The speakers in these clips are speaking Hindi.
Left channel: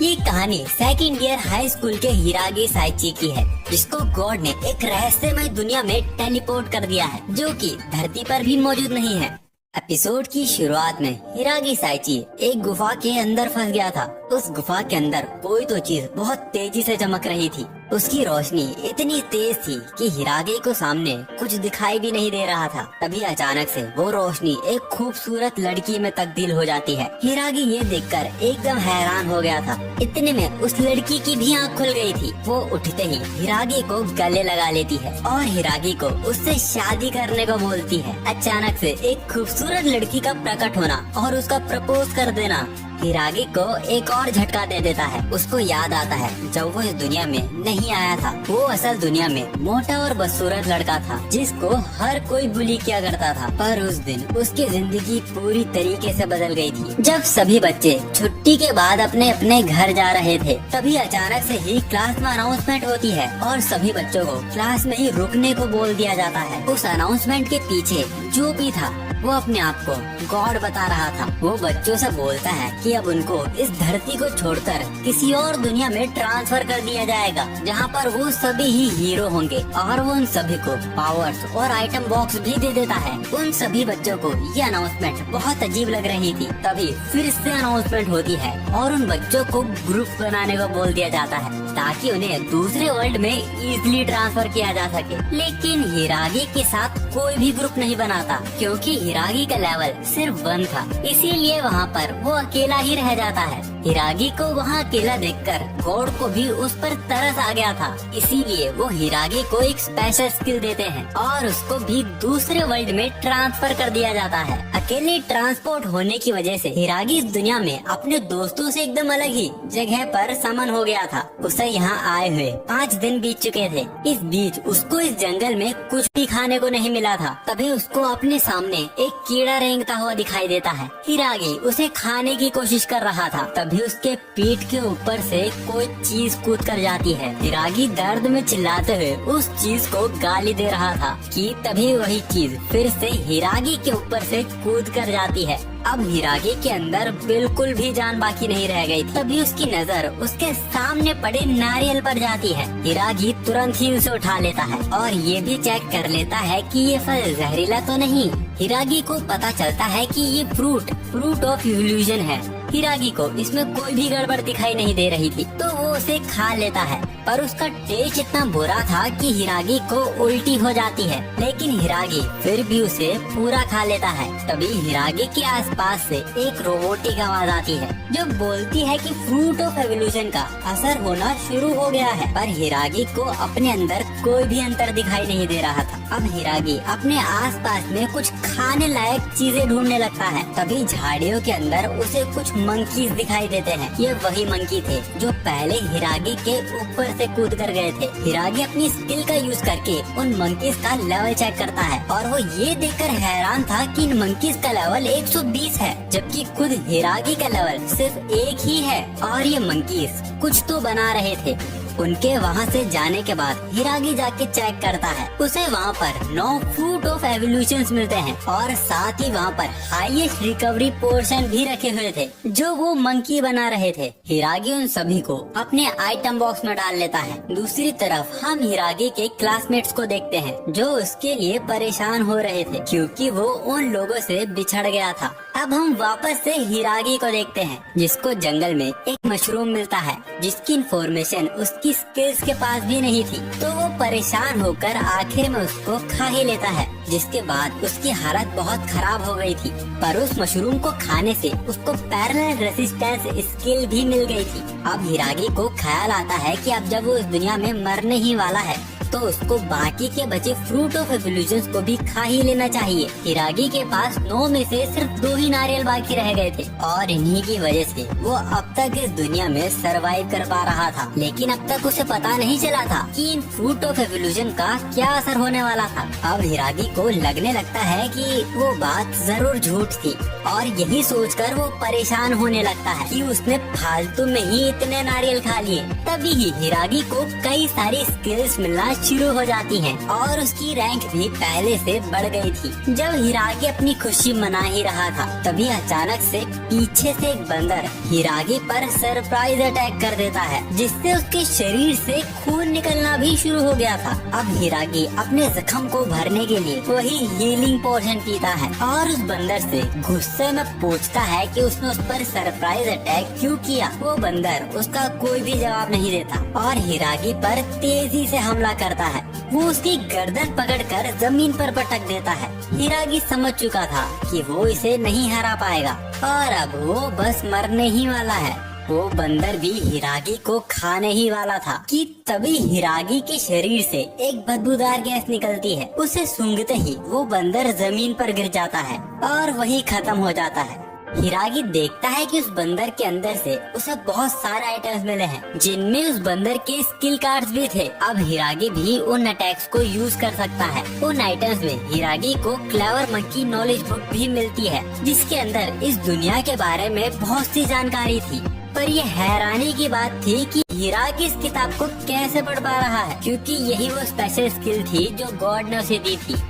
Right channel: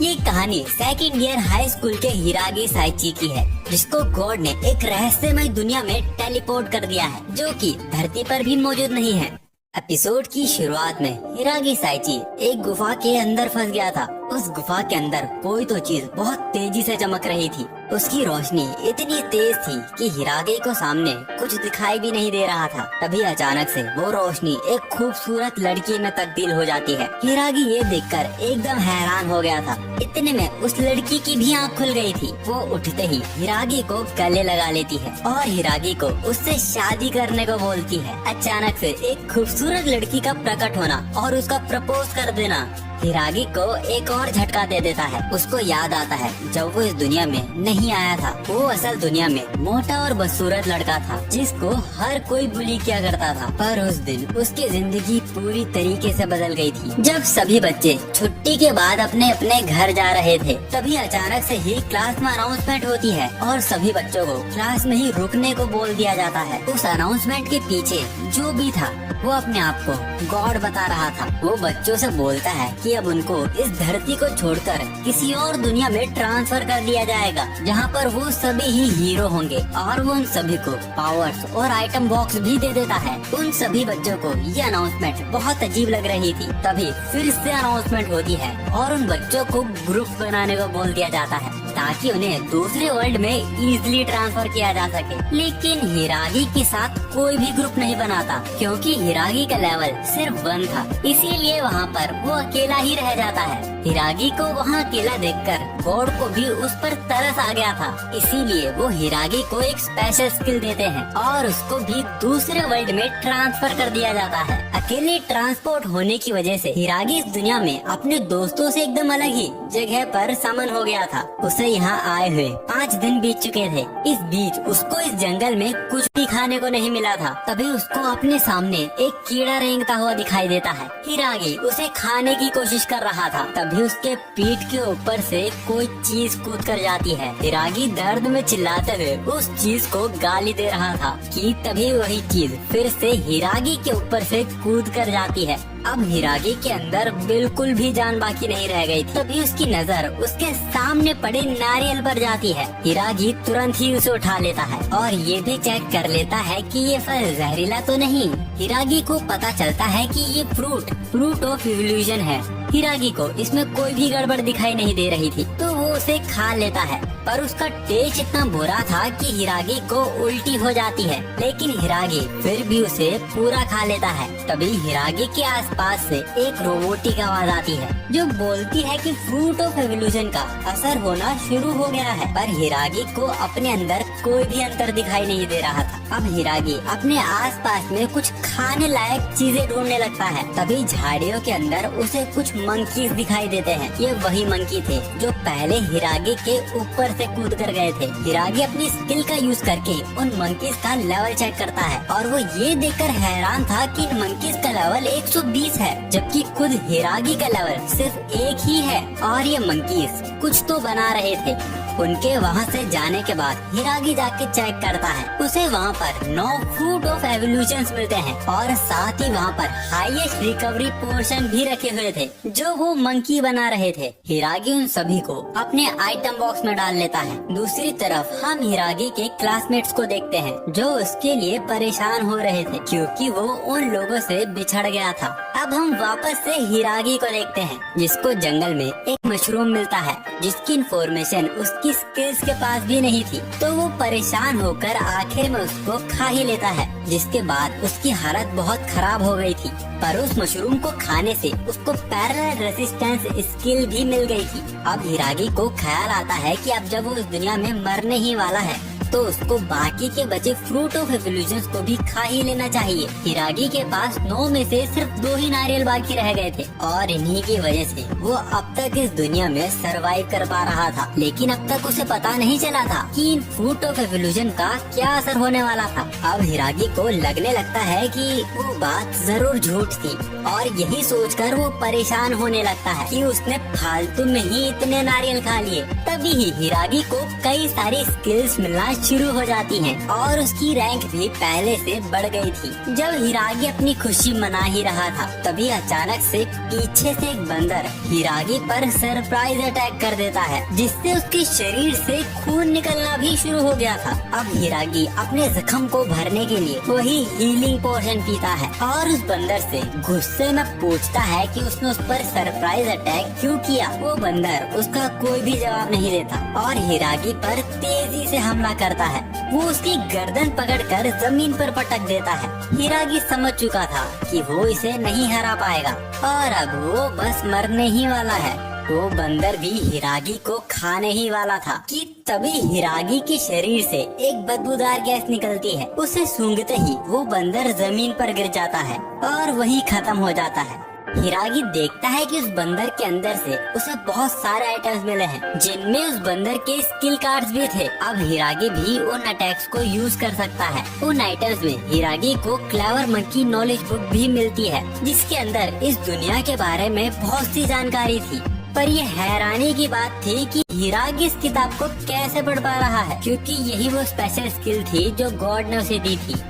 ये कहानी सेकंड ईयर हाई स्कूल के हिरागी साइची की है, जिसको गॉड ने एक रहस्यमय दुनिया में टेलीपोर्ट कर दिया है, जो कि धरती पर भी मौजूद नहीं है। एपिसोड की शुरुआत में हिरागी साइची एक गुफा के अंदर फंस गया था। उस गुफा के अंदर कोई तो चीज बहुत तेजी से चमक रही थी। उसकी रोशनी इतनी तेज थी कि हिरागी को सामने कुछ दिखाई भी नहीं दे रहा था। तभी अचानक से वो रोशनी एक खूबसूरत लड़की में तब्दील हो जाती है। हिरागी ये देखकर एकदम हैरान हो गया था। इतने में उस लड़की की भी आँख खुल गई थी। वो उठते ही हिरागी को गले लगा लेती है और हिरागी को उससे शादी करने को बोलती है। अचानक से एक खूबसूरत लड़की का प्रकट होना और उसको प्रपोज कर देना हिरागी को एक और झटका दे देता है। उसको याद आता है जब वो इस दुनिया में नहीं आया था, वो असल दुनिया में मोटा और बदसूरत लड़का था जिसको हर कोई बुली किया करता था। पर उस दिन उसकी जिंदगी पूरी तरीके से बदल गई थी। जब सभी बच्चे छुट्टी के बाद अपने अपने घर जा रहे थे, तभी अचानक से ही क्लास में अनाउंसमेंट होती है और सभी बच्चों को क्लास में ही रुकने को बोल दिया जाता है। उस अनाउंसमेंट के पीछे जो भी था वो अपने आप को गॉड बता रहा था। वो बच्चों से बोलता है कि अब उनको इस धरती को छोड़कर किसी और दुनिया में ट्रांसफर कर दिया जाएगा, जहाँ पर वो सभी ही हीरो होंगे और वो उन सभी को पावर्स और आइटम बॉक्स भी दे देता है। उन सभी बच्चों को ये अनाउंसमेंट बहुत अजीब लग रही थी। तभी फिर से अनाउंसमेंट होती है और उन बच्चों को ग्रुप बनाने को बोल दिया जाता है ताकि उन्हें दूसरे वर्ल्ड में इजीली ट्रांसफर किया जा सके। लेकिन हिरागी के साथ कोई भी ग्रुप नहीं बनाता, क्योंकि हिरागी का लेवल सिर्फ 1 था, इसीलिए वहाँ पर वो अकेला ही रह जाता है। हिरागी को वहाँ अकेला देखकर गॉड को भी उस पर तरस आ गया था, इसीलिए वो हिरागी को एक स्पेशल स्किल देते हैं और उसको भी दूसरे वर्ल्ड में ट्रांसफर कर दिया जाता है। अकेले ट्रांसपोर्ट होने की वजह से हिरागी इस दुनिया में अपने दोस्तों से एकदम अलग ही जगह पर समन हो गया था। उसे यहाँ आए हुए 5 दिन बीत चुके थे। इस बीच उसको इस जंगल में कुछ भी खाने को नहीं मिला था। तभी उसको अपने सामने एक कीड़ा रेंगता हुआ दिखाई देता है। हिरागी उसे खाने की कोशिश कर रहा था, तभी उसके पीठ के ऊपर से कोई चीज कूद कर जाती है। हिरागी दर्द में चिल्लाते हुए उस चीज को गाली दे रहा था कि तभी वही चीज फिर से हिरागी के ऊपर से कूद कर जाती है। अब हिरागी के अंदर बिल्कुल भी जान बाकी नहीं रह गई। तभी उसकी नजर उसके सामने पड़े नारियल पर जाती है। हिरागी तुरंत ही उसे उठा लेता है और ये भी चेक कर लेता है कि ये फल जहरीला तो नहीं। हिरागी को पता चलता है कि ये फ्रूट ऑफ इवोल्यूशन है। हिरागी को इसमें कोई भी गड़बड़ दिखाई नहीं दे रही थी, तो वो उसे खा लेता है। पर उसका टेस्ट इतना बुरा था कि हिरागी को उल्टी हो जाती है, लेकिन हिरागी फिर भी उसे पूरा खा लेता है। तभी हिरागी के आसपास से एक रोबोटिक आवाज आती है जो बोलती है कि फ्रूट ऑफ एवोल्यूशन का असर होना शुरू हो गया है। पर हिरागी को अपने अंदर कोई भी अंतर दिखाई नहीं दे रहा था। अब हिरागी अपने आसपास में कुछ खाने लायक चीजें ढूंढने लगता है। तभी झाड़ियों के अंदर उसे कुछ मंकीज दिखाई देते हैं। ये वही मंकी थे जो पहले हिरागी के ऊपर से कूद कर गए थे। हिरागी अपनी स्किल का यूज करके उन मंकीज का लेवल चेक करता है और वो ये देखकर हैरान था कि इन मंकीज का लेवल 120 है, जबकि खुद हिरागी का लेवल सिर्फ 1 ही है। और ये मंकीज कुछ तो बना रहे थे। उनके वहाँ से जाने के बाद हिरागी जाके चेक करता है। उसे वहाँ पर 9 फ्रूट ऑफ एवोल्यूशन मिलते हैं और साथ ही वहाँ पर हाईएस्ट रिकवरी पोर्शन भी रखे हुए थे जो वो मंकी बना रहे थे। हिरागी उन सभी को अपने आइटम बॉक्स में डाल लेता है। दूसरी तरफ हम हिरागी के क्लासमेट्स को देखते हैं जो उसके लिए परेशान हो रहे थे क्योंकि वो उन लोगों से बिछड़ गया था। अब हम वापस से हिरागी को देखते हैं जिसको जंगल में एक मशरूम मिलता है जिसकी इंफॉर्मेशन उसकी स्किल्स के पास भी नहीं थी, तो वो परेशान होकर आखिर में उसको खा ही लेता है, जिसके बाद उसकी हालत बहुत खराब हो गई थी। पर उस मशरूम को खाने से उसको पैरेलल रेसिस्टेंस स्किल भी मिल गई थी। अब हिरागी को ख्याल आता है कि अब जब वो इस दुनिया में मरने ही वाला है तो उसको बाकी के बचे फ्रूट ऑफ एवोल्यूशन को भी खा ही लेना चाहिए। हिरागी के पास 9 में से सिर्फ 2 ही नारियल बाकी रह गए थे और इन्हीं की वजह से वो अब तक इस दुनिया में सरवाइव कर पा रहा था। लेकिन अब तक उसे पता नहीं चला था कि इन फ्रूट ऑफ एवोल्यूशन का क्या असर होने वाला था। अब हिरागी को लगने लगता है कि वो बात जरूर झूठ थी और यही सोचकर वो परेशान होने लगता है कि उसने फालतू में ही इतने नारियल खा लिए। तभी ही हिरागी को कई सारी स्किल्स मिलना शुरू हो जाती हैं और उसकी रैंक भी पहले से बढ़ गई थी। जब हिरागी अपनी खुशी मना ही रहा था तभी अचानक से पीछे से एक बंदर हिरागी पर सरप्राइज अटैक कर देता है, जिससे उसके शरीर से खून निकलना भी शुरू हो गया था। अब हिरागी अपने जख्म को भरने के लिए वही हीलिंग पोशन पीता है और उस बंदर से गुस्से में पूछता है कि उसने उस पर सरप्राइज अटैक क्यों किया। वो बंदर उसका कोई भी जवाब नहीं देता और हिरागी पर तेजी से हमला करता है। वो उसकी गर्दन पकड़कर जमीन पर पटक देता है। हिरागी समझ चुका था कि वो इसे नहीं हरा पाएगा और अब वो बस मरने ही वाला है। वो बंदर भी हिरागी को खाने ही वाला था कि तभी हिरागी के शरीर से एक बदबूदार गैस निकलती है। उसे सूंघते ही वो बंदर जमीन पर गिर जाता है और वही खत्म हो जाता है। हिरागी देखता है कि उस बंदर के अंदर से उसे बहुत सारे आइटम्स मिले हैं, जिनमें उस बंदर के स्किल कार्ड्स भी थे। अब हिरागी भी उन अटैक्स को यूज कर सकता है। उन आइटम्स में हिरागी को क्लेवर मंकी नॉलेज बुक भी मिलती है, जिसके अंदर इस दुनिया के बारे में बहुत सी जानकारी थी। पर ये हैरानी की बात थी कि हिरागी इस किताब को कैसे पढ़ पा रहा है, क्योंकि यही वो स्पेशल स्किल थी जो गॉड ने उसे दी थी।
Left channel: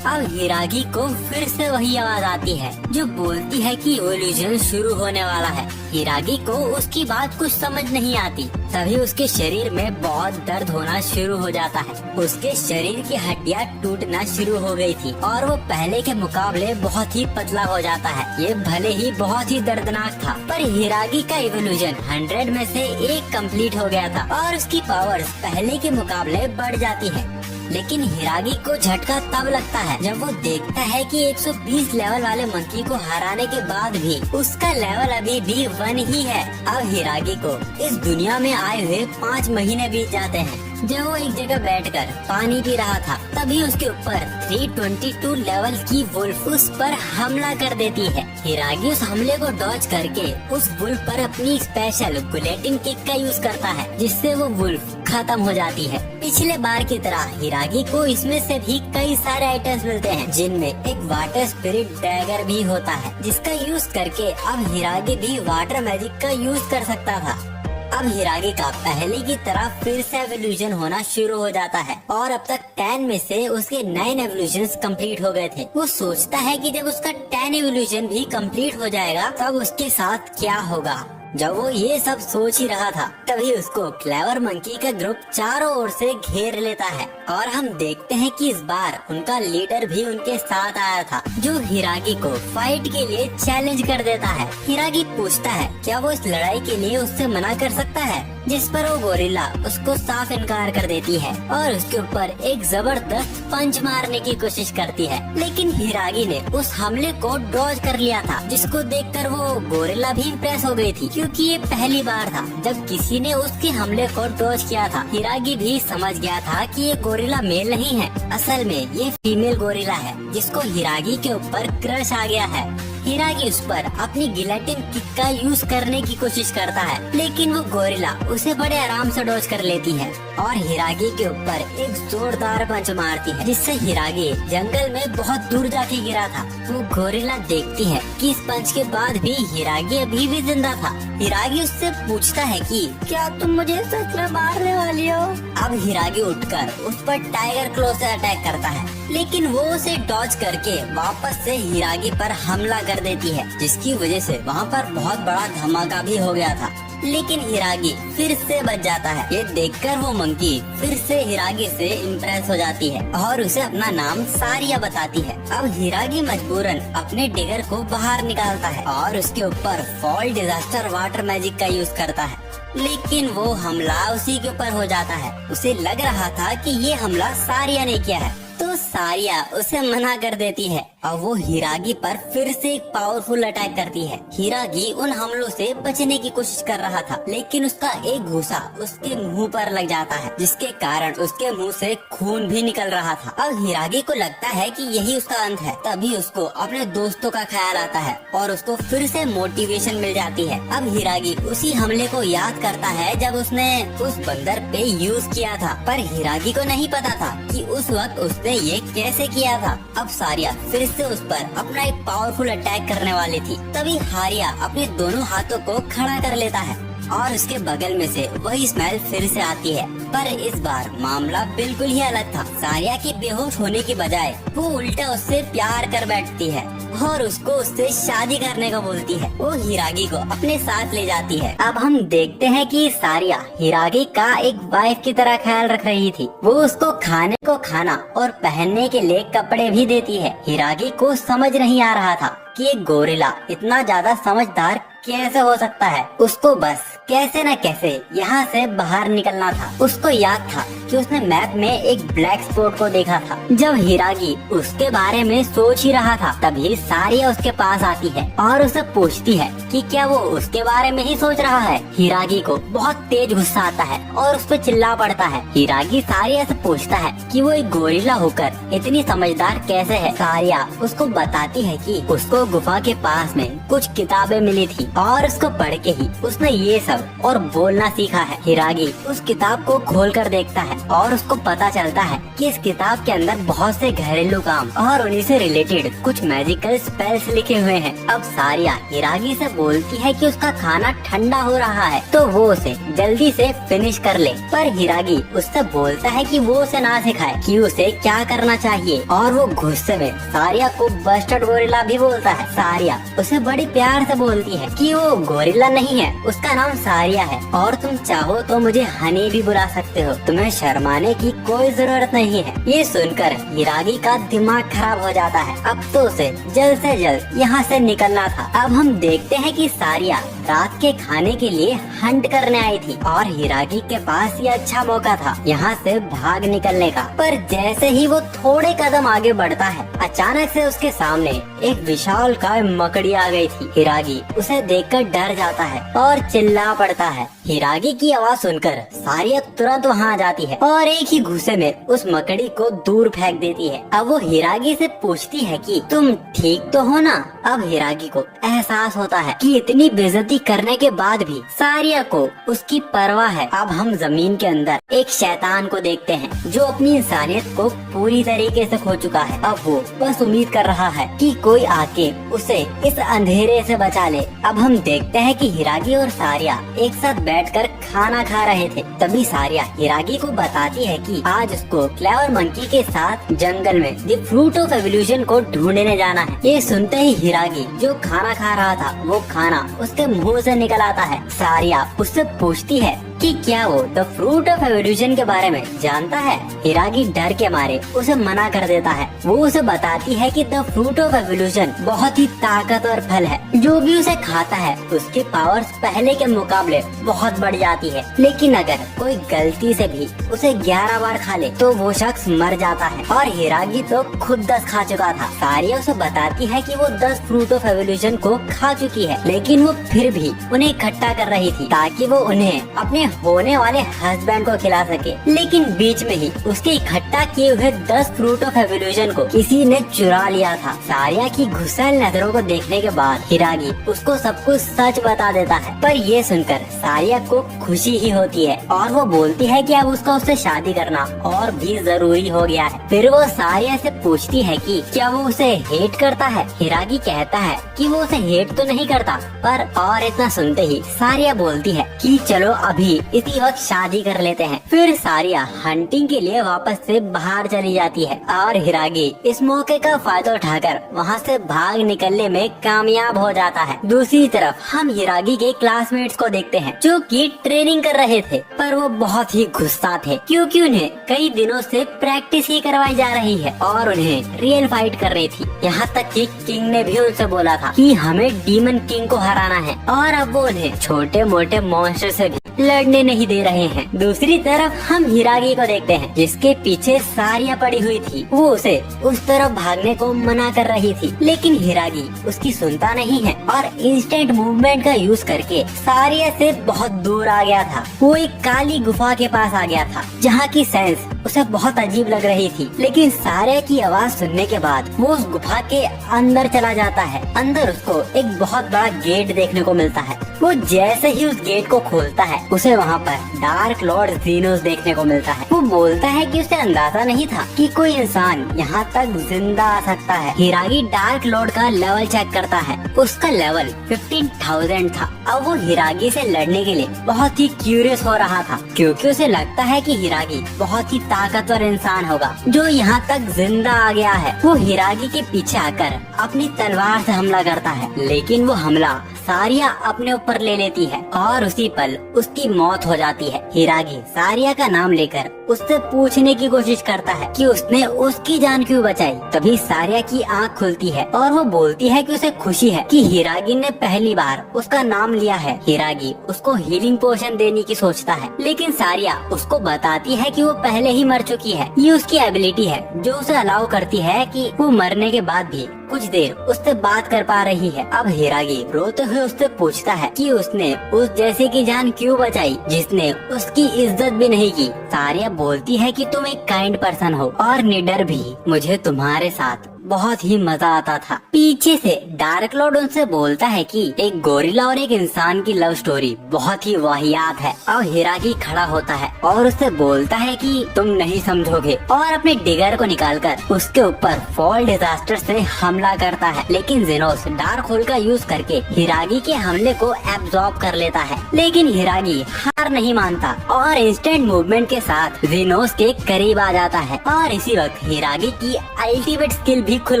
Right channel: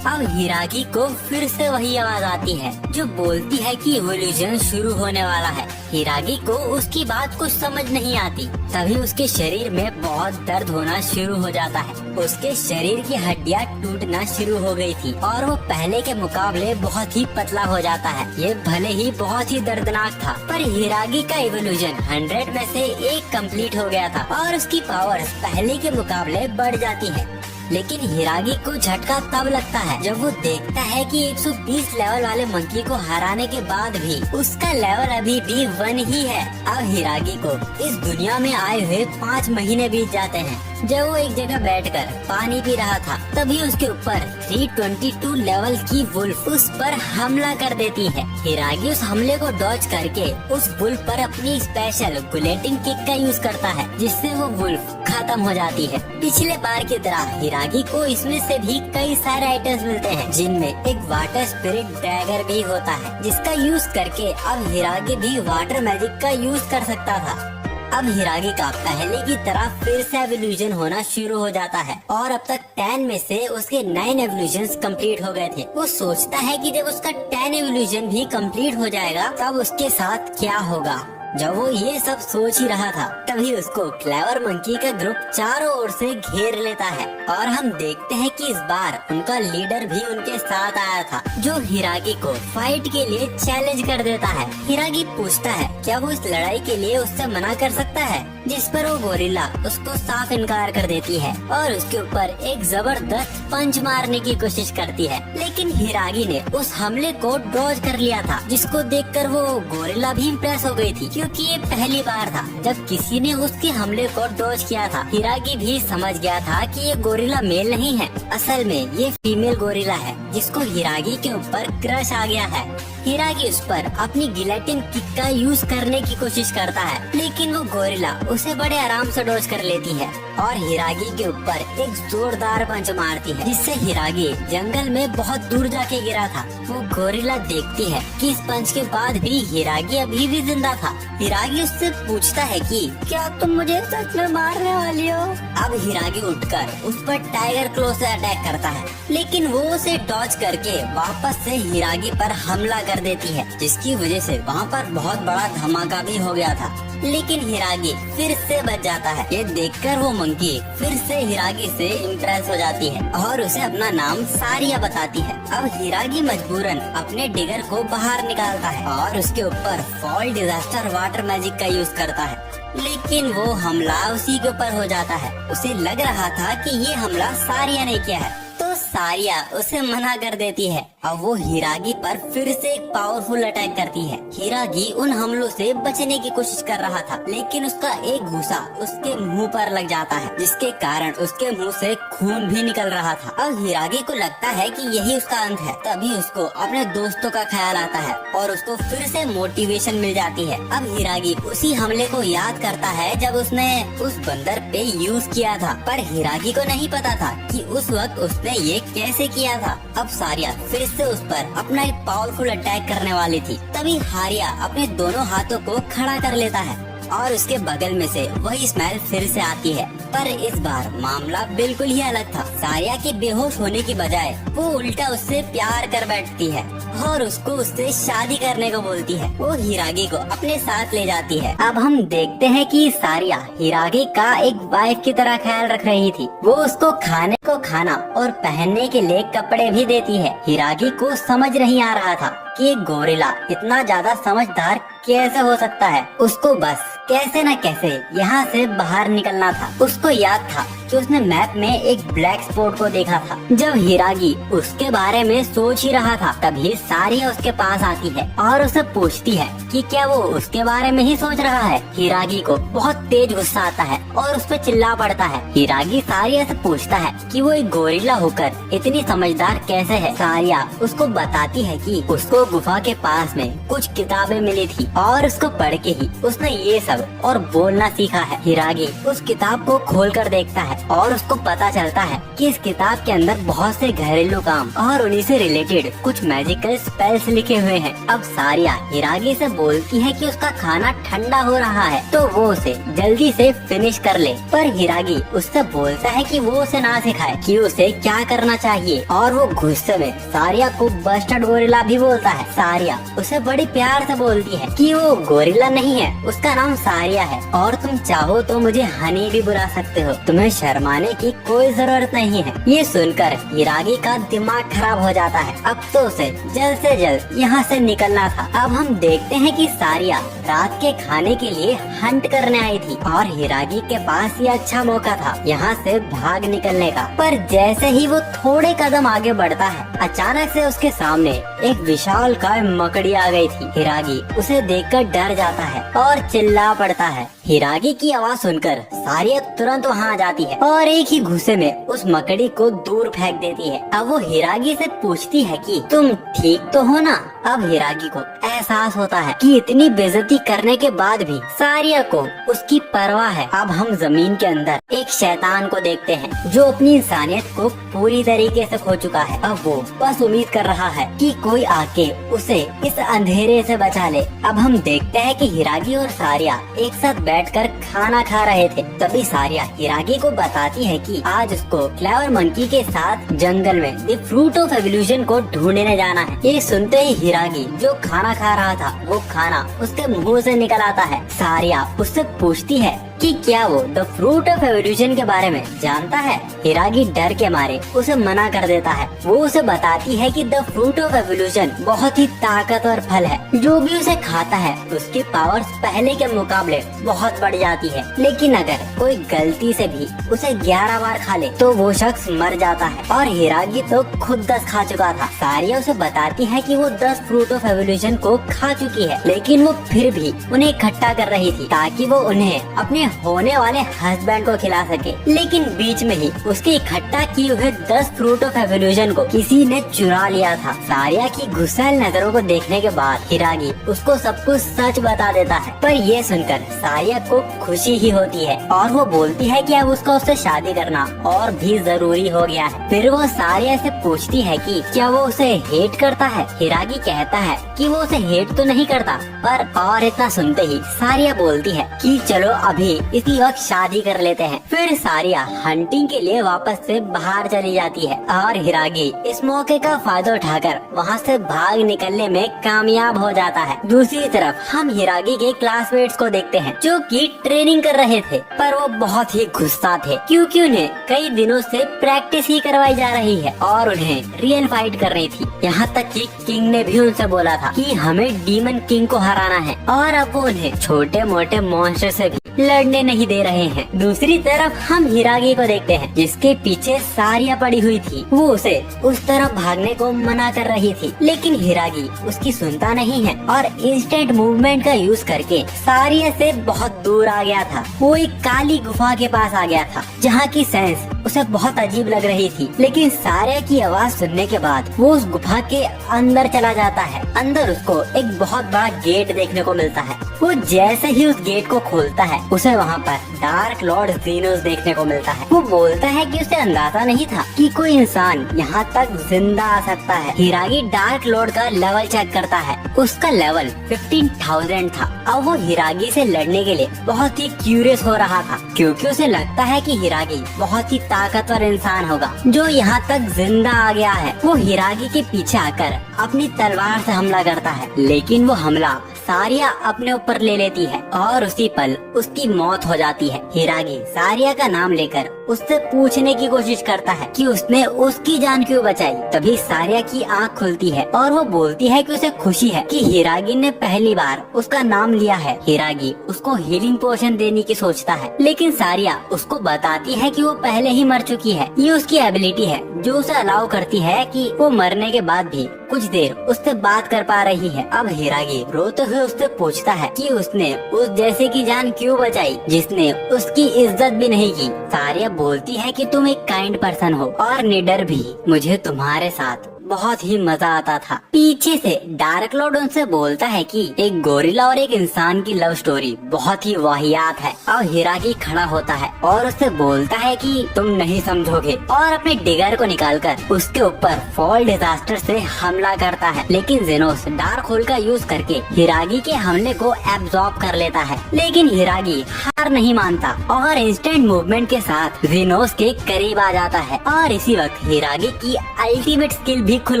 अब हिरागी को फिर से वही आवाज आती है जो बोलती है कि इवोल्यूशन शुरू होने वाला है। हिरागी को उसकी बात कुछ समझ नहीं आती। तभी उसके शरीर में बहुत दर्द होना शुरू हो जाता है। उसके शरीर की हड्डियां टूटना शुरू हो गई थी और वो पहले के मुकाबले बहुत ही पतला हो जाता है। ये भले ही बहुत ही दर्दनाक था, पर हिरागी का इवोल्यूशन 100 में से 1 कंप्लीट हो गया था और उसकी पावर्स पहले के मुकाबले बढ़ जाती है। लेकिन हिरागी को झटका तब लगता है जब वो देखता है कि 120 लेवल वाले मंकी को हराने के बाद भी उसका लेवल अभी भी 1 ही है। अब हिरागी को इस दुनिया में आए हुए 5 महीने बीत जाते हैं। जब वो एक जगह बैठकर पानी पी रहा था, तभी उसके ऊपर 322 लेवल की वुल्फ उस पर हमला कर देती है। हिरागी उस हमले को डॉज करके उस वुल्फ पर अपनी स्पेशल गुलेटिंग किक का यूज करता है, जिससे वो वुल्फ खत्म हो जाती है। पिछले बार की तरह हिरागी को इसमें से भी कई सारे आइटम्स मिलते हैं, जिनमें एक वाटर स्पिरिट ड्रैगर भी होता है, जिसका यूज करके अब हिरागी भी वाटर मैजिक का यूज कर सकता था। अब हिरागी का पहले की तरह फिर से एवोल्यूशन होना शुरू हो जाता है और अब तक 10 में से उसके 9 एवोल्यूशंस कंप्लीट हो गए थे। वो सोचता है कि जब उसका 10 एवोल्यूशन भी कंप्लीट हो जाएगा तब उसके साथ क्या होगा। जब वो ये सब सोच ही रहा था, तभी उसको क्लेवर मंकी का ग्रुप चारों ओर से घेर लेता है और हम देखते हैं कि इस बार उनका लीडर भी उनके साथ आया था, जो हिरागी को फाइट के लिए चैलेंज कर देता है। हिरागी पूछता है क्या वो इस लड़ाई के लिए उससे मना कर सकता है, जिस पर वो गोरिल्ला उसको साफ इनकार कर देती है और उसके ऊपर एक जबरदस्त पंच मारने की कोशिश करती है। लेकिन हिरागी ने उस हमले को डॉज कर लिया था, जिसको देखकर वो गोरिल्ला भी इम्प्रेस हो गई थी, क्योंकि ये पहली बार था जब किसी ने उसके हमले को डॉज किया था। हिरागी भी समझ गया था कि ये गोरिल्ला मेल नहीं है, असल में ये फीमेल गोरिल्ला है, जिसको हिरागी के ऊपर क्रश आ गया है। हिरागी उस पर अपनी गिलेटिन किक का यूज करने की कोशिश करता है, लेकिन वो गोरिल्ला उसे बड़े आराम से डॉज कर लेती है और हिरागी के ऊपर एक जोरदार पंच मारती है, जिससे हिरागी जंगल में बहुत दूर जाके गिरा था। वो गोरिल्ला देखती है कि इस पंच के बाद भी हिरागी अभी भी जिंदा था। हिरागी उससे पूछता है कि क्या तुम मुझे सच में मारने वाली हो। अब हिरागी उठकर उस पर टाइगर क्लो से अटैक करता है, लेकिन वो उसे डॉज करके वापस से हिरागी पर हमला कर देती है, जिसकी वजह से वहाँ पर बहुत बड़ा धमाका भी हो गया था। लेकिन हिरागी फिर से बच जाता है। ये देखकर वो मंकी फिर से हिरागी से इम्प्रेस हो जाती है और उसे अपना नाम सारिया बताती है। अब हिरागी मजबूरन अपने डिगर को बाहर निकालता है और उसके ऊपर फॉल डिजास्टर वाटर मैजिक का यूज करता है, लेकिन वो हमला उसी के ऊपर हो जाता है। उसे लग रहा था कि ये हमला सारिया ने किया है, तो सारिया उसे मना कर देती है और वो हिरागी पर फिर से एक पावरफुल अटैक करती है। हिरागी उन हमलों से बचने की कोशिश कर रहा था, लेकिन उसका एक घूंसा उसके मुंह पर लग जाता है, जिसके कारण उसके मुंह से खून भी निकल रहा था। अब हिरागी को लगता है कि यही उसका अंत है। तभी उसको अपने दोस्तों का ख्याल आता है और उसको फिर से मोटिवेशन मिल जाती है। अब हिरागी उसी हमले को याद करता है जब उसने उस बंदर पे यूज किया था, पर हिरागी को नहीं पता था कि उस वक्त उसने ये कैसे किया था। अब सारिया फिर से उस पर अपना एक पावरफुल अटैक करने वाली थी। तभी हारिया अपने दोनों हाथों को खड़ा कर लेता है और उसके बगल में से वही स्मेल फिर से आती है। पर इस बार मामला बिल्कुल ही अलग था। सारिया के बेहोश होने की बजाय वो उल्टा उससे प्यार कर बैठती है और उसको उससे शादी करने को बोलती है। वो हिरागी को अपने साथ ले जाती है। अब हम देखते हैं कि सारिया हिरागी का एक वाइफ की तरह ख्याल रख रही थी। वो उसको खाने को खाना और पहनने के लिए कपड़े भी देती है। हिरागी को समझ नहीं आ रहा था कि एक गोरिल्ला इतना ज्यादा समझदार कैसे हो सकता है। उसको बस कैसे न कैसे यहाँ से बाहर निकलना था। उसको याद था कि उसने मैप में एक ब्लैक स्पॉट को देखा था। जब हिरागी उसके बारे में सोच ही रहा था, तभी सारिया उसके पास आती है और उसे पूछती है कि क्या वो उसके बारे में ही सोच रहा है। हिरागी को बहुत तेज गुस्सा आता है और उस पर चिल्ला पड़ता है। हिरागी सारिया से पूछता है कि वो एक गोरिल्ला होकर इतनी समझदार कैसे है। सारिया उसको बताती है कि उसको गुफा के पास में कुछ किताबें मिली थी और उसको पढ़ के ही उसने ये सब और बोलना सीखा है। हिरागी उस किताब को खोलकर देखता है और उसको पता चलता है कि इस किताब के अंदर बहुत से घरेलू काम और उन्हीं से रिलेटेड कुछ मैजिकल स्पेल्स लिखे हुए हैं। अब सारिया हिरागी से बोलती है कि उसका खाना ठंडा हो रहा है तो वो उसे जल्दी से फिनिश कर ले। पर हिरागी उससे बोलता है कि वो उसे ना सिखाए कि उसे क्या करना चाहिए और वो गुस्से में सारिया को बस्टर्ड गोरिल्ला भी बोलता है। सारिया उसे बड़ी प्यार से बोलती है कि वो गोरिल्ला नहीं है, उसका नाम सारिया है और तुम चाहो तो मुझे हनी भी बुला सकते हो। तुम्हें शर्माने की कोई जरूरत नहीं है। ये सुनकर हिरागी का दिमाग खराब हो जाता है। अब तो उसे जल्द से जल्द यहाँ से निकलना था। अब हम देखते हैं कि सारिया रात के खाने के लिए हंट करने आई थी और हिरागी के पास ये अच्छा मौका था यहाँ से भाग निकलने का। पर जैसे ही वो थोड़े कदम आगे बढ़ता है, अचानक से उसके सामने एक विशाल काय मकड़ी आ गई थी। हिरागी उसे देखकर डर जाता है और चिल्ला पड़ता है। हिरागी की आवाज सुनकर सारिया तुरंत वहाँ आ जाती है और एक ही घुसे में उस मकड़ी को दूर फेंक देती है। अब वो हिरागी से पूछती है कि तुम ठीक तो हो ना। अब हिरागी को एहसास होता है कि इतनी बेइज्जती करने के बाद भी सारिया को उसकी परवाह है। अब हम जमीन के अंदर एक शैतान को देखते हैं जो अपनी इंसानियत को पूरी तरीके से खो चुका है। अब वो बस उम्मीद कर रहा है कि कोई आके उसे इस अंधेरे से बचा ले। अब हम देखते हैं कि हिरागी और सारिया एक साथ बैठकर खाना खा रहे थे। तभी सारिया हिरागी को बताती है कि आज उसको क्लेवर मंकी के साथ जंगल में द फ्रूट ऑफ एवोल्यूशन को ढूंढने जाना है। ये सुनते ही हिरागी जो खाना खा रहा था वो खाना उसके मुंह से निकल आता है। सारिया उससे पूछती है कि क्या वो द फ्रूट ऑफ एवोल्यूशन के बारे में जानता है। हिरागी डर के मारे उसे मना कर देता है। वो उसे बताती है कि द फ्रूट ऑफ एवोल्यूशन बहुत ही ताकतवर फल है। जो भी उसे खाता है उसकी पावर्स पहले के मुकाबले बहुत बढ़ जाती है। लेकिन अगर कोई गलती से भी उसे 11 बार खा ले तो वो शख्स मर जाता है। और हिरागी तो खुद 10 खा चुका था। सारिया उसे बताती है कि वो 10 फ्रूट ऑफ एवोल्यूशन को खा चुकी है, लेकिन वो फिर भी उन्हें इकट्ठा कर रही थी ताकि वो उन्हें अपने होने वाले हस्बैंड को खिला सके। लेकिन बीच में ही उसके इकट्ठा किए हुए 10 फ्रूट ऑफ एवोल्यूशन को किसी ने चुरा लिया था। सारिया की गुस्सैल नजरों को देखने के बाद हिरागी उसको सब कुछ सच बता देता है। पर ये सुनकर सारिया को खुशी ही होती है और वो बोलती है कि अब उसको उससे शादी करना और भी जरूरी हो गया है। फिर वो सारिया से पूछती है कि क्या वो उसे हेट करता है। हिरागी कहता है कि वो उसे हेट तो नहीं करता, पर और इतना सुनते ही सारिया बोलती है कि चलो अभी इसी वक्त शादी कर लेते हैं। फिर सारिया हंटिंग के लिए वापस से बाहर चली जाती है और हिरागी इस मौके का फायदा उठाकर वहाँ से भाग निकलने में कामयाब हो जाता है। दूसरी तरफ हम हिरागी के क्लासमेट्स को देखते हैं जो कि ट्रेनिंग कर रहे थे, पर वो बहुत ही गुस्सा थे क्योंकि उन्हें कई दिनों से प्रैक्टिस ही करवाई जा रही है और उन्हें रियल फाइट कर रही थी। यहाँ तक कि किंग ने भी उनसे बोला था कि हमें डीमन किंग को हराना है और अब वो उन्हें छोटे मोटे मॉन्स्टर से भी लड़ने नहीं दे रहे हैं। दूसरी तरफ हम हिरागी को देखते हैं जिसके पीछे सारिया पड़ी हुई थी। वो उसे उस तरफ भागने को मना कर रही थी, लेकिन हिरागी उसकी सुनता नहीं है और इंस्टेंट मूवमेंट का यूज करके सारिया से बहुत दूर आ गया था। वो एक काली गुफा के पास आ गया था जहाँ की सेंस उसे बहुत अजीब लग रही थी। लेकिन सारे की आवाज सुनने के बाद वो उस गुफा के अंदर चला जाता है। अंदर उसको एक बहुत बड़ा गेट देखने को मिलता है। वो जैसे ही उस गेट को खोलता है उसे वहाँ पर डार्क लॉर्ड ज़ीनोस देखने को मिलता है। वो बोलता है कि उसे अंदाजा नहीं था कि कोई इंसान यहाँ तक जिंदा आ सकता है। हिरागी डार्क लॉर्ड का लेवल चेक करता है। उसका लेवल 15,000 था। अब वो हिरागी से लड़ने के लिए बहुत ही क्यूरियस हो रहा था, क्योंकि उसे लगता है कि हिरागी बहुत ही ताकतवर इंसान होगा जो यहाँ तक जिंदा आ गया है। वो हिरागी के पीछे आकर अपनी तलवार से हमला करता है, लेकिन वो हमला सारिया अपने ऊपर ले लेती है और उसी पल उसकी मौत हो जाती है। हिरागी सारिया का नाम लेकर उससे पूछने की कोशिश करता है कि उसने उसकी जान क्यों बचाई। तभी सारिया की आंख खुलती है और वो बोलती है कि उसे खुशी है कि हिरागी ने पहली बार उसका नाम लिया है। हिरागी उसको हीलिंग पोशन देने की सोचता है, लेकिन सारिया उसको बताती है कि वो पहले ही मर चुकी है। ये उसकी एबिलिटी है जो उसे अलाउ करती है कि वो मरने के बाद भी कुछ देर उससे बात कर पा रही है। अब हिरागी रोते हुए उससे पूछता है कि उसने उस जैसे की जान क्यों बचाई जिसने उसकी इज्जत भी नहीं की। सारिया बोलती है कि तुम एक काइंड पर्सन हो और निडर भी। मुझे तुम्हारे साथ बहुत ही मजा आता था। पीछे से डार्क लॉर्ड उनसे बोलता है कि एक गोरिल्ला और एक इंसान की लव स्टोरी बहुत ही वाहियात है। और हिरागी खड़ा होता है और उससे बोलता है कि तुम नहीं समझोगे, और अपने डिगर को निकालकर उसके ऊपर फॉल डिजास्टर से हमला करता है। लेकिन जेनोस डार्क होल का यूज करके हिरागी के हमले को एब्जॉर्ब कर लेता है। लेकिन हिरागी हार नहीं मानता और इंस्टेंट मूवमेंट के साथ जेनोस के करीब आ जाता है। और इसी वक्त हिरागी की अल्टीमेट स्किल भी खुल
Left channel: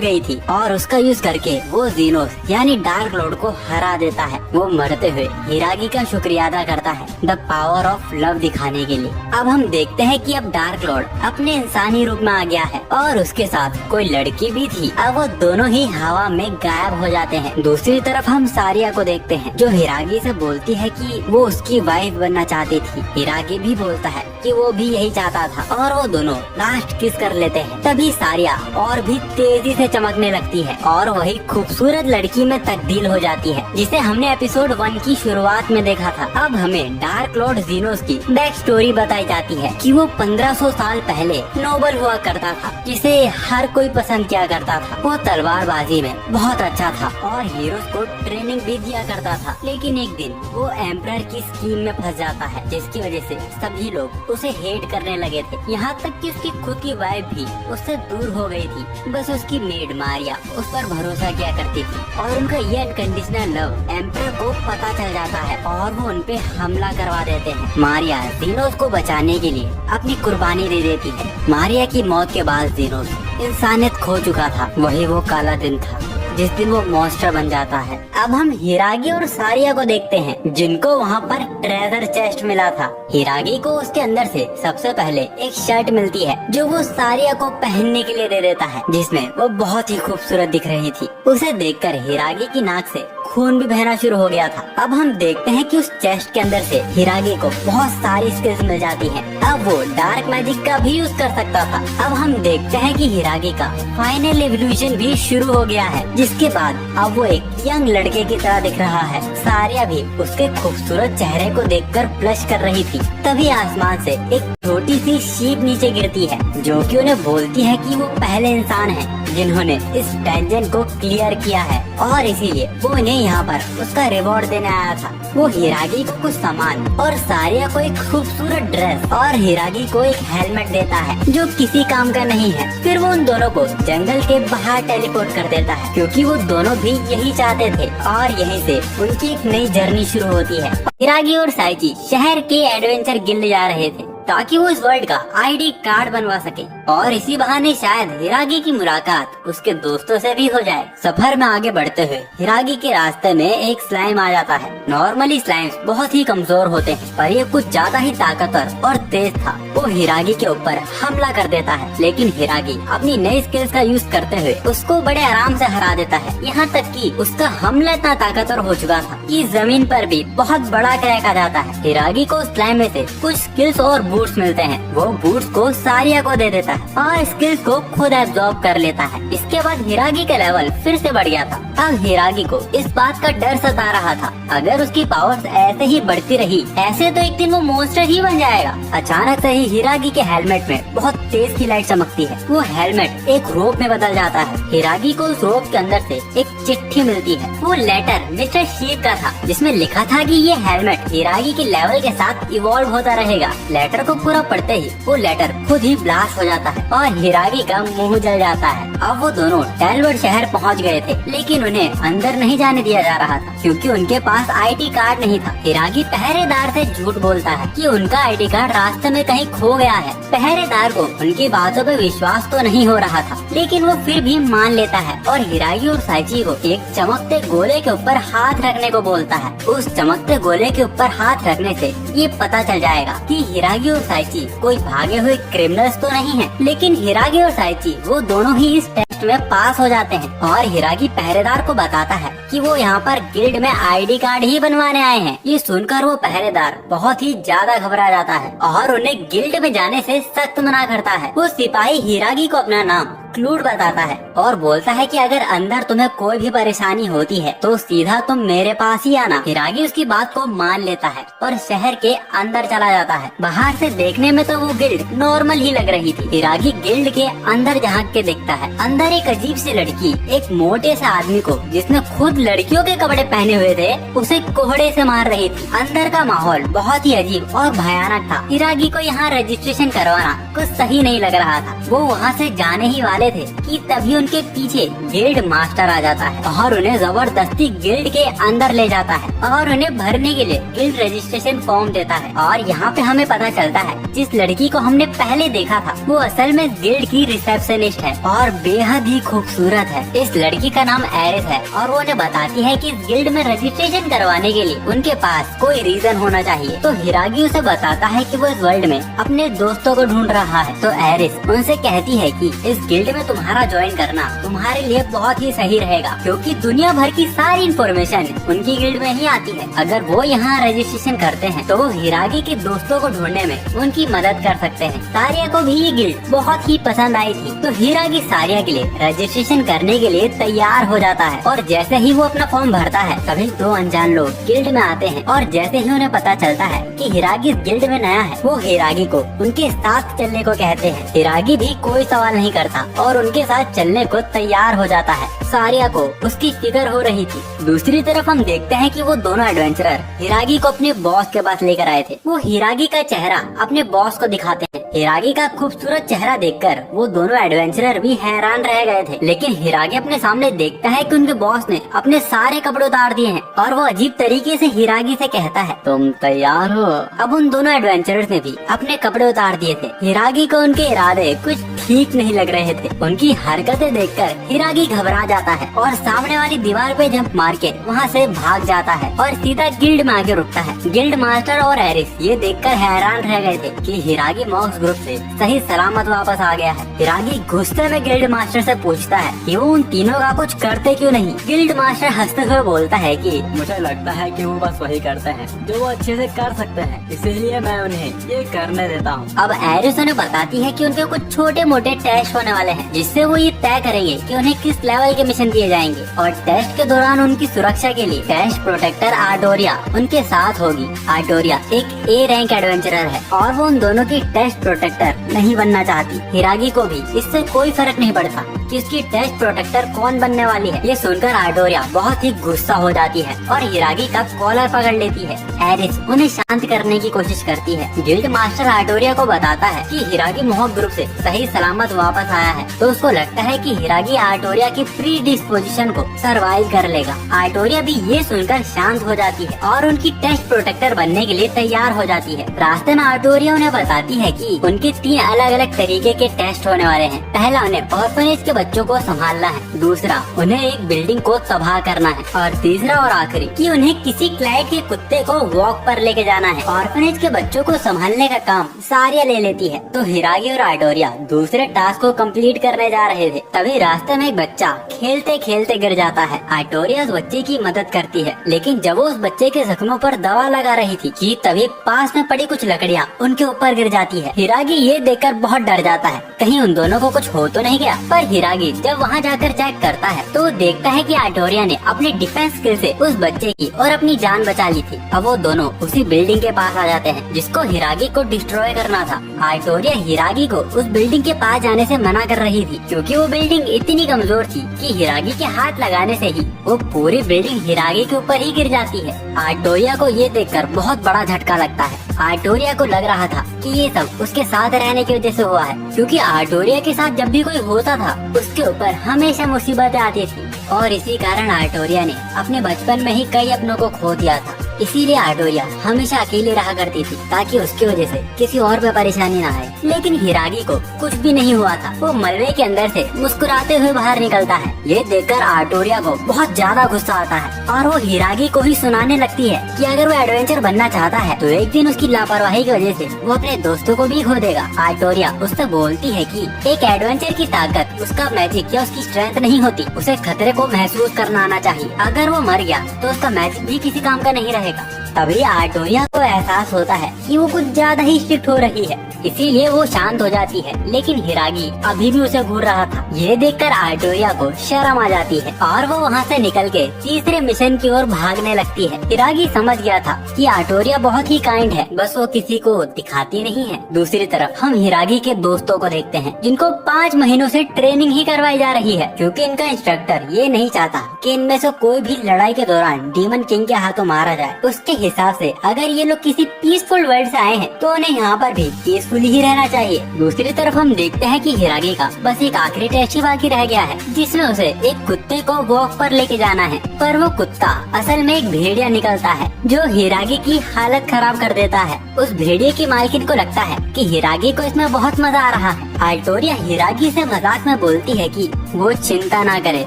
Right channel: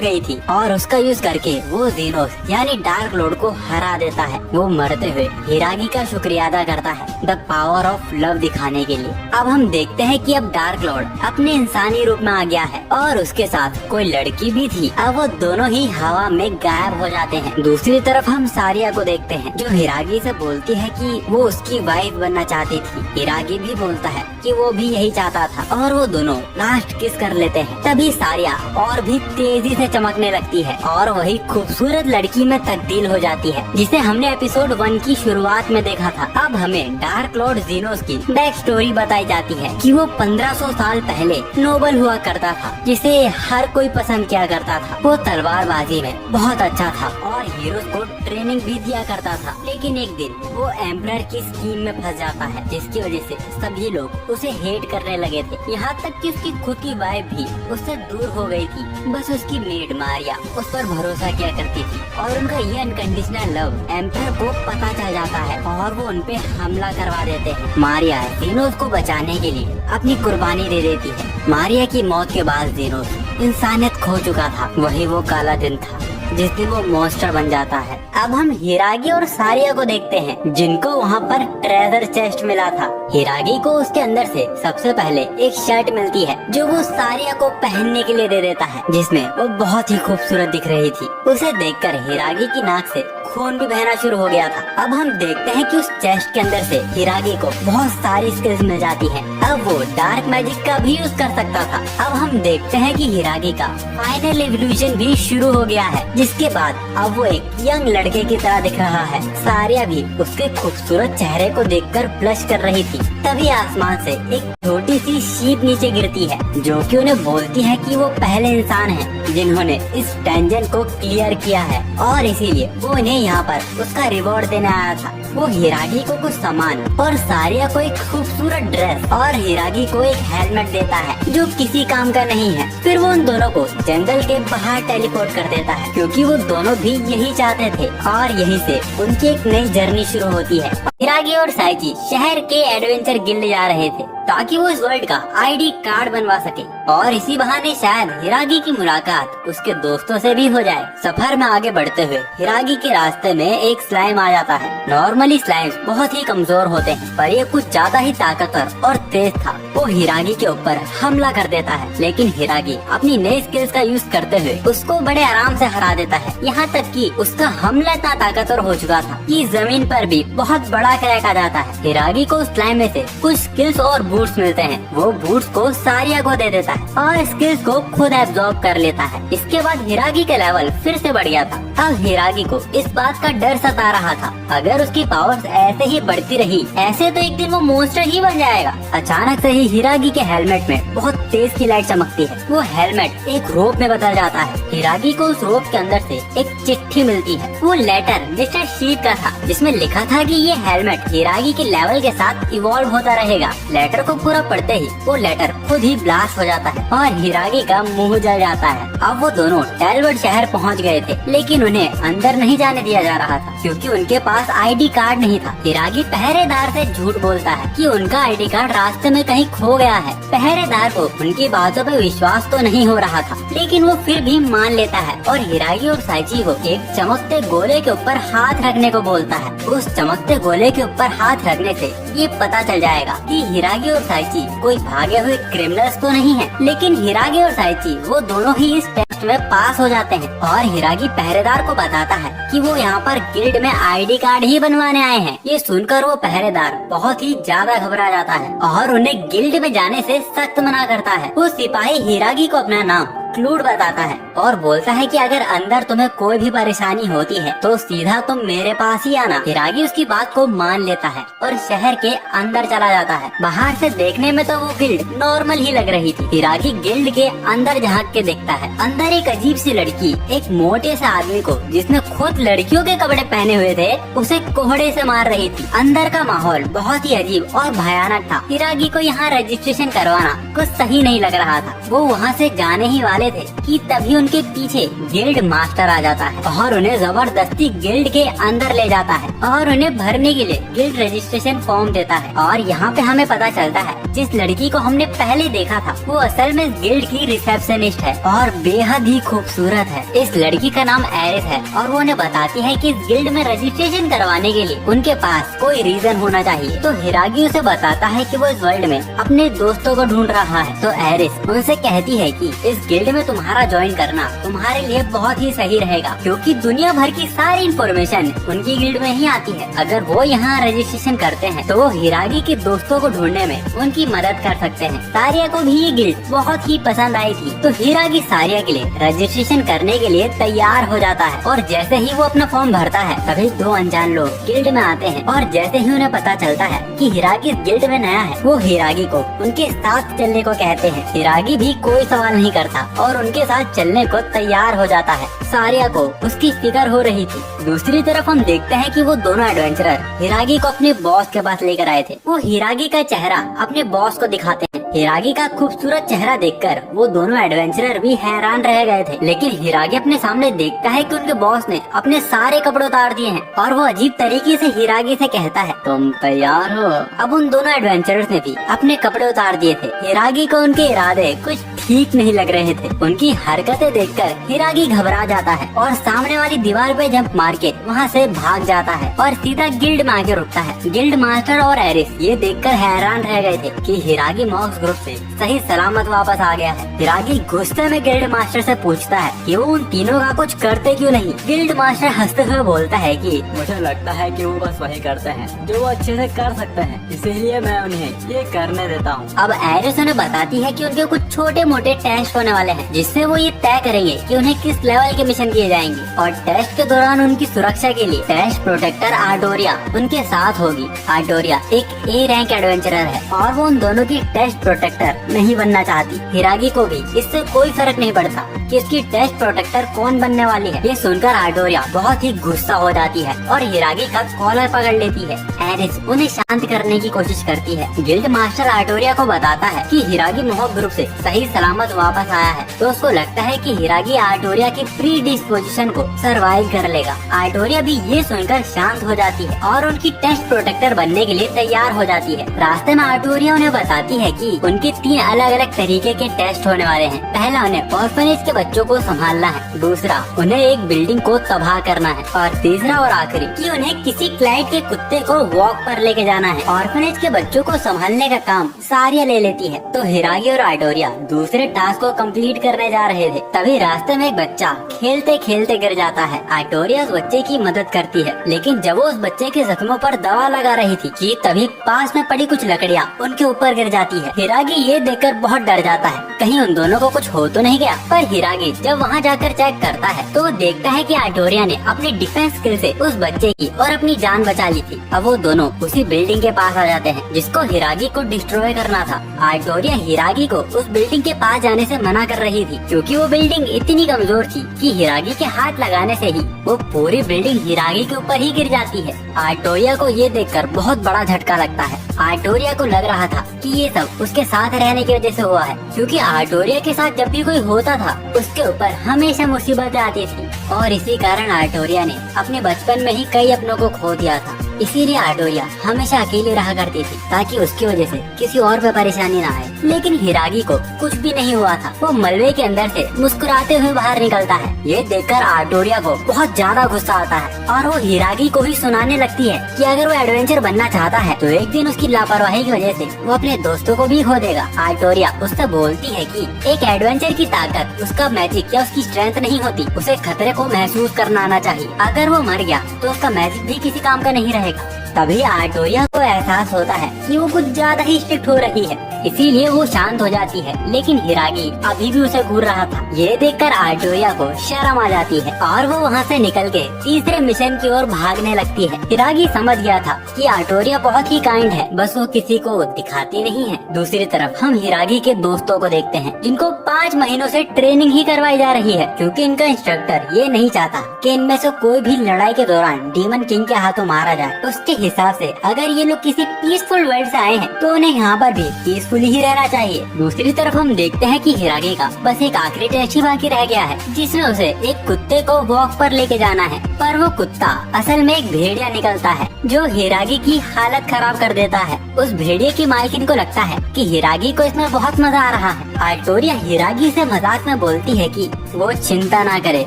गई थी और उसका यूज करके वो जेनोस यानी डार्क लॉर्ड को हरा देता है। वो मरते हुए हिरागी का शुक्रिया अदा करता है द पावर ऑफ लव दिखाने के लिए। अब हम देखते हैं कि अब डार्क लॉर्ड अपने इंसानी रूप में आ गया है और उसके साथ कोई लड़की भी थी। अब वो दोनों ही हवा में गायब हो जाते हैं। दूसरी तरफ हम सारिया को देखते हैं जो हिरागी से बोलती है कि वो उसकी वाइफ बनना चाहती थी। हिरागी भी बोलता है कि वो भी यही चाहता था और वो दोनों लास्ट किस कर लेते हैं। तभी सारिया और भी तेजी से चमकने लगती है और वही खूबसूरत लड़की में तब्दील हो जाती है जिसे हमने एपिसोड 1 की शुरुआत में देखा था। अब हमें डार्क लॉर्ड ज़ीनोस की बैक स्टोरी बताई जाती है कि वो 1500 साल पहले नोबल हुआ करता था जिसे हर कोई पसंद किया करता था। वो तलवारबाजी में बहुत अच्छा था और हीरोज को ट्रेनिंग भी दिया करता था। लेकिन एक दिन वो एम्परर की स्कीम में फंस जाता है जिसकी वजह से सभी लोग उसे हेट करने लगे थे। यहाँ तक कि उसकी खुद की वाइफ भी उससे दूर हो गई थी। बस उसकी मेड मारिया उस पर भरोसा किया करती थी और उनका ये अनकंडीशनल लव एम्परर को पता चल जाता है और वो उनपे हमला करवा देते हैं। मारिया ज़ीनोस को बचाने के लिए अपनी कुर्बानी दे देती है। मारिया की मौत के बाद ज़ीनोस इंसानियत खो चुका था। वही वो काला दिन था जिस दिन वो मॉन्स्टर बन जाता है। अब हम हिरागी और सारिया को देखते हैं जिनको वहाँ पर ट्रेजर चेस्ट मिला था। हिरागी को उसके अंदर से सबसे पहले एक शर्ट मिलती है जो वो सारिया को पहनने के लिए दे देता है, जिसमें वो बहुत ही खूबसूरत दिख रही थी। उसे देखकर हिरागी की नाक से खून भी बहना शुरू हो गया था। अब हम देखते हैं कि उस चेस्ट के अंदर से हिरागी को बहुत सारी स्किल्स मिल जाती हैं। अब वो डार्क मैजिक का भी यूज कर सकता था। अब हम देखते हैं कि हिरागी का फाइनल एवोल्यूशन भी शुरू हो गया है, जिसके बाद अब वो एक यंग लड़के की तरह दिख रहा है। सारिया भी उसके खूबसूरत चेहरे को देखकर ब्लश कर रही थी। तभी आसमान से एक छोटी सी शीप नीचे गिरती है जो कि उन्हें बोलती है कि वो पहले इंसान हैं जिन्होंने इस डंजन को क्लियर किया है और इसीलिए वो उन्हें यहाँ पर उसका रिवॉर्ड देने आया था। वो हिरागी को कुछ सामान और सारिया को एक खूबसूरत ड्रेस और हिरागी को एक हेलमेट देता है जो किसी काम का नहीं है। फिर वो उन दोनों को जंगल के बाहर टेलीपोर्ट कर देता है क्योंकि वो दोनों भी यही चाहते थे और यहीं से उनकी एक नई जर्नी शुरू होती है। हिरागी और साइची शहर के एडवेंचर गिल्ड जा रहे थे ताकि वो इस वर्ल्ड का आईडी कार्ड बनवा सके और इसी बहाने शायद हिरागी की मुलाकात उसके दोस्तों से भी हो जाए। सफर में आगे बढ़ते हुए हिरागी के रास्ते में एक स्लाइम आ जाता है। नॉर्मली स्लाइम्स बहुत ही कमजोर होते हैं पर ये कुछ ज्यादा ही ताकतवर और तेज था। वो हिरागी के ऊपर हमला कर देता है लेकिन हिरागी अपनी नई स्किल्स का यूज करते हुए उसको बड़े आराम से हरा देता है। यहाँ तक कि उसका हमला इतना ताकतवर हो चुका था कि जमीन पर भी बहुत बड़ा क्रैक आ जाता है। हिरागी को स्लाइम में से कुछ स्किल्स और बूट्स मिलते हैं वो बूट्स को सारिया को दे देता है और स्किल्स को खुद एब्जॉर्ब कर लेता है। इसके बाद हिरागी का लेवल फिर से बढ़ गया था। अब हिरागी को इस बात का डर सता रहा था, अगर उसकी पावर्स ऐसे ही बढ़ती रही ऐसे तो एक दिन वो मॉन्स्टर ही बन जाएगा। अचानक से ही हिरागी के हेलमेट में बहुत तेज की लाइट चमकती है। वो हेलमेट एक रोप में बदल जाता है। हिरागी को उस रोप के अंदर से एक चिट्ठी मिलती है। वो लेटर मिस्टर शीप का था जिसमें लिखा था कि ये हेलमेट हिरागी के लेवल के साथ इवॉल्व होता रहेगा। लेटर को पूरा पढ़ते ही वो लेटर खुद ही ब्लास्ट हो जाता है और हिरागी का मुंह जल जाता है। अब वो दोनों टेलवर्ड शहर पहुंच गए थे, लेकिन उन्हें अंदर नहीं जाने दिया जा रहा था क्योंकि उनके पास आईडी कार्ड नहीं था। हिरागी पहरेदार से झूठ बोलता है कि उनका आईडी कार्ड रास्ते में कहीं खो गया है। पहरेदार को उनकी बातों पे विश्वास तो नहीं हो रहा था, लेकिन वो फिर भी मान लेता है और हिरागी और साइची को एक चमकते गोले के ऊपर हाथ रखने को बोलता है। उस चमकते गोले के ऊपर हाथ रखने से ये पता चल जाएगा कि हिरागी और साइची कोई भागे हुए क्रिमिनल्स तो नहीं है। लेकिन हिरागी और साइची वो दोनों ही इस टेस्ट में पास हो जाते हैं और हिरागी पहरेदार को बताता है कि वो यहाँ पर गिल्ड में आईडी कार्ड ही बनवाने आए हैं। ये सुनकर वो पहरेदार बहुत ही ज्यादा घबरा जाता है और उन्हें गिल्ड में जाने से सख्त मना करता है। वो सिपाही हिरागी को अपना नाम क्लूड बताता है और बोलता है कि अगर अंदर तुम्हें कोई भी परेशानी होती है तो सीधा तुम मेरे पास ही आना। हिरागी उसकी बात को मान लेता है और शहर के अंदर चला जाता है। बाहर से देखने में तो वो गिल्ड नॉर्मल ही लग रही थी। हिरागी गिल्ड के अंदर झांक के देखता है। अंदर एक अजीब सी लड़की एक मोटे से आदमी को जिसने खुद लड़कियों के कपड़े पहने हुए थे उसे कोहड़े से मार रही थी। अंदर का माहौल बहुत ही अजीब और भयानक था। हिरागी को यहाँ रजिस्ट्रेशन करवाना कुछ सही नहीं लग रहा था। वो वहाँ से जाने ही वाले थे कि तभी उनके पीछे गिल्ड मास्टर आ जाता है और उन्हें जबरदस्ती गिल्ड के अंदर ले जाता है और उन्हें भरने के लिए गिल्ड रजिस्ट्रेशन फॉर्म देता है। और यहाँ पे हमें पता चलता है जिस लड़की को हमने पहले देखा था वो असल में गिल्ड की रिसेप्शनिस्ट है और बेहद ही खूबसूरत है। इस लड़की का नाम एरिस है और वो उन्हें बताती है कि गिल्ड में रजिस्ट्रेशन करवाने के लिए उनके पास कोई रीजन होना चाहिए। तो हिरागी उसे बताता है कि वो इस वर्ल्ड में अपने दोस्तों को ढूंढ रहा है। तो एरिस उनसे कहती है कि इस गिल्ड में तुम्हारा ज्वाइन करना तुम्हारे लिए बहुत ही सही रहेगा क्योंकि दुनिया भर की सारी इन्फॉर्मेशन उनकी गिल्ड में ही आती है। अगर वो यहाँ रजिस्ट्रेशन करते हैं तो वो हिरागी के दोस्तों को ढूंढने में उनकी मदद कर सकते हैं। सारिया को भी ये गिल्ड बहुत ही पसंद आई थी तो हिरागी सारिया के लिए रजिस्ट्रेशन करने के लिए तैयार हो जाता है और जैसे ही वो अपना फॉर्म भरता है तभी दो अनजान लोग गिल्ड में आते हैं और जैसे ही उन्हें पता चलता है कि हिरागी गिल्ड में नया है वो हिरागी को उनके साथ चलने को कहते हैं। हिरागी भी कोई सवाल नहीं करता और उनके साथ चलने को तैयार हो जाता है। सारिया को उसकी फिक्र हो रही थी। दूसरी तरफ हम देखते हैं कि वो दोनों एडवेंचरर हिरागी को अपने बॉस के पास लेकर आए थे। वो हिरागी का चेहरा अपने बॉस को दिखाते हैं। हिरागी का खूबसूरत चेहरा देखकर वो दोनों एडवेंचरर भी हैरान रह गए थे, लेकिन हिरागी अपने सामने देखता है कि उनके बॉस ने अपने सारे कपड़े उतार दिए हैं और वो अजीब तरीके से हिरागी से कहता है तुम तैयार हो। अब उन दोनों एडवेंचरर्स ने भी अपने कपड़े उतार दिए थे। हिरागी को उनके इरादे कुछ ठीक नहीं लग रहे थे। उनकी हरकतें देखकर हिरागी घबरा जाता है और सामने वाली दीवार पे जंप मार के वहाँ से भाग जाता है और सीधा गिल्ड में आके रुकता है। गिल्ड मास्टर और एरिस ये देखकर हैरान रह गए थे कि हिरागी मॉक्स ग्रुप से सही सलामत वापस आ गया है। हिरागी गुस्से में गिल्ड मास्टर से पूछता है कि वो उन तीनों का कुछ करते क्यों नहीं। गिल्ड मास्टर हंसते हुए बोलता है कि मुझे लगता है कि वो बस वही करते हैं जो वो अच्छे से कर सकते हैं, इसीलिए मैं उन्हें ये करने देता हूँ। अब एरिस उन्हें बताती है कि उनके कुछ छोटे मोटे टेस्ट होने वाले हैं जिससे वो ये तय करेंगे कि उन्हें किस लेवल के मिशन किए जाएंगे और टेस्ट के दौरान उनकी सुरक्षा के लिए टेस्ट प्रोटेक्टर आर्टोरिया उनके साथ होगी। आर्टोरिया एक ए रैंक एडवेंचरर है और वो उन दोनों की टेस्ट प्रोटेक्टर नहीं बनना चाहती। हिरागी को भी इससे कोई फर्क नहीं पड़ता कि इसकी टेस्ट प्रोटेक्टर कौन बनने वाली है। ये सुनकर आर्टोरिया बहुत ही गुस्सा हो जाती है और हिरागी का कॉलर पकड़ लेती है। एरिस उन्हें शांत करने की कोशिश करती है। गिल्ड मास्टर आर्टोरिया को बताता है कि हिरागी मोहक ग्रुप से सही सलामत वापस आया है तो उसको लगता है कि हिरागी आर्टोरिया की प्री डिस्पोजिशन को सरवाइव कर लेगा। आर्टोरिया भी ये सुनकर शांत हो जाती है और उनकी टेस्ट प्रोटेक्टर बनने के लिए तैयार हो जाती है। रास्ते में आर्टोरिया उन्हें बताती है कि उनके 3 अलग अलग तरीके के टेस्ट होने वाले हैं। पहला उन्हें ऑर्फनेज के बच्चों को संभालना है, दूसरा उन्हें एक बिल्डिंग को तबाह करना है और तीसरा और आखिरी कि उन्हें किसी क्लाइंट के कुत्ते कुत्ते को वॉक पर लेके जाना है। ऑर्फनेज के बच्चों को संभालने का काम सारिया ले लेती है। तो हिरागी और आइटोरिया दूसरे टास्क को कंप्लीट करने जा रहे थे, तभी रास्ते में एक बच्चा खेलते खेलते गिर जाता है। आइटोरिया उस बच्चे की मदद करती है, लेकिन जब वो उस बच्चे के जख्मों पर दवा लगा रही थी कि तभी पास में पड़ी कुछ लकड़ियाँ उनके ऊपर गिर जाती है। हिरागी ये देखकर बहुत डर जाता है, कहीं उन दोनों को कुछ हो तो नहीं गया। पर हिरागी जब वहाँ जाकर चेक करता है तो वो देखता है कि आइटोरिया ने अपनी डिफेंस स्किल से उस बच्चे की और अपनी जान बचा ली थी। अब वो दोनों उसी बिल्डिंग के पास आ जाते हैं जिसको हिरागी को डिस्ट्रॉय करना था। आइटोरिया हिरागी को उस बिल्डिंग के पास जाने से मना कर रही थी, क्योंकि वो बिल्डिंग इतनी कमजोर थी कि हिरागी के हाथ लगाने से ही वो पूरी बिल्डिंग हिरागी के ऊपर ही गिर जाती है। आइटोरिया को ये देखकर बहुत बड़ा झटका लगता है। आइटोरिया को लग रहा था कि ये सब उसके साथ रहने की वजह से हुआ है, क्योंकि आइटोरिया के साथ जब भी कोई होता था उसके ऊपर हमेशा मुसीबतें आती थी और इसी कारण आइटोरिया ने अपने बचपन में ही कई अपनों को खो दिया था। इसीलिए आइटोरिया हमेशा अकेले रहा करती थी ताकि उसकी वजह से किसी और पे परेशानी ना आए। लेकिन हिरागी को कुछ भी नहीं हुआ था। वो मलबे के अंदर से मुस्कुराते हुए बाहर निकलता है। ये देखकर आइटोरिया को बहुत ज्यादा गुस्सा आता है और वो हिरागी को ही सुनाने लगती है कि अगर वो एडवेंचर बनना चाहता है तो एक दिन उसकी लापरवाही की वजह से वो अपने दोस्तों को भी खो देगा। आइटोरिया उससे बोलती है कि एक एडवेंचर की ताकत उसका मैजिक या उसकी स्ट्रेंथ नहीं होती, उसे खतरे को महसूस करना आना चाहिए। अगर वो मर गया तो उसका मैजिक भी किसी काम का नहीं रहेगा। तभी आइटोरिया को एहसास होता है कि वो कुछ ज्यादा ही स्ट्रिक्ट हो रही है, इसीलिए वो शांत हो जाती है। लेकिन हिरागी अभी भी उसे घूर रहा था। ये देखकर आइटोरिया को शर्म आ जाती है और वो वहाँ से निकल के तीसरे मिशन की ओर भागने लगती है। हिरागी समझ गया था कि आइटोरिया बहुत ही काइंड है, बस वो किसी को दिखाती नहीं है। दूसरी तरफ हम हिरागी के दोस्तों को देखते हैं जिनको 5 महीनों से ट्रेनिंग ही करवाई जा रही है, क्योंकि इनका इंस्ट्रक्टर ये नहीं चाहता कि इनमें से कोई भी लड़ाई के दौरान डीमन किंग के हाथों मारा जाए। उसके हिसाब से अगर ये लोग किसी पीसफुल वर्ल्ड से आए हैं तो उन्हें यहाँ पर भी पीसफुल ही रहना चाहिए। दूसरी तरफ हम देखते हैं कि हिरागी का बस एक आखिरी टेस्ट ही बाकी रह गया है, जिसमें उसे एक कुत्ते को वॉक पर लेके जाना है। पर वो कुत्ता असल में एक भेड़िया निकलता है जो हिरागी की हालत खराब कर देता है। उस भेड़िए की मालकिन को लगता है कि हिरागी को इसमें बहुत मजा आ रहा है। आइटोरिया हिरागी से मजाक में बोलती है कि वो चिंता ना करे,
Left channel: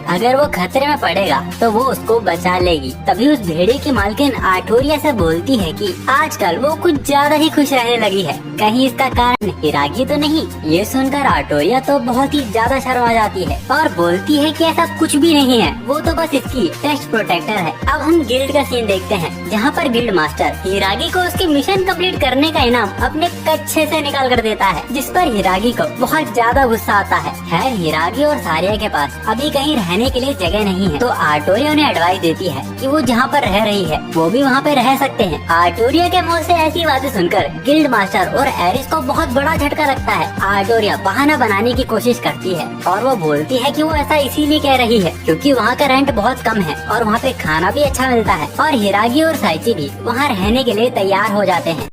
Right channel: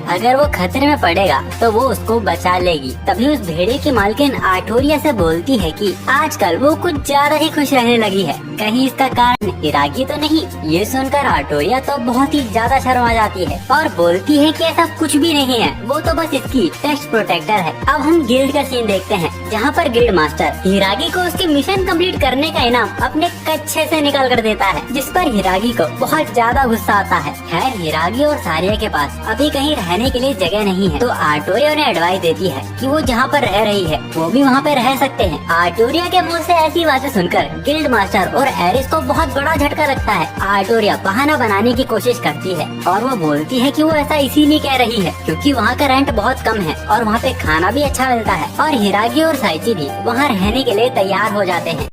अगर वो खतरे में पड़ेगा तो वो उसको बचा लेगी। तभी उस भेड़िए की मालकिन आइटोरिया से बोलती है कि आजकल वो कुछ ज्यादा ही खुश रहने लगी है, कहीं इसका कारण हिरागी तो नहीं। ये सुनकर आइटोरिया तो बहुत ही ज्यादा शर्मा जाती है और बोलती है कि ऐसा कुछ भी नहीं है, वो तो बस इसकी टेस्ट प्रोटेक्टर है। अब हम गिल्ड का सीन देखते हैं, जहाँ पर गिल्ड मास्टर हिरागी को उसकी मिशन कंप्लीट करने का इनाम अपने कच्छे से निकाल कर देता है, जिस पर हिरागी को बहुत ज्यादा गुस्सा आता है। खैर हिरागी और सारिया के पास अभी कहीं रहने के लिए जगह नहीं है, तो आइटोरिया उन्हें एडवाइस देती है कि वो जहाँ पर रह रही है वो भी वहाँ पे रह सकते हैं। आइटोरिया के मुंह से ऐसी बातें सुनकर गिल्ड मास्टर और एरिस को बहुत बड़ा झटका लगता है। आइटोरिया बहाना बनाने की कोशिश करती है और वो बोलती है कि वो ऐसा इसीलिए कह रही है क्योंकि वहाँ का रेंट बहुत कम है और वहाँ पे खाना भी अच्छा मिलता है, और हिरागी और साइची भी वहाँ रहने के लिए तैयार हो जाते हैं।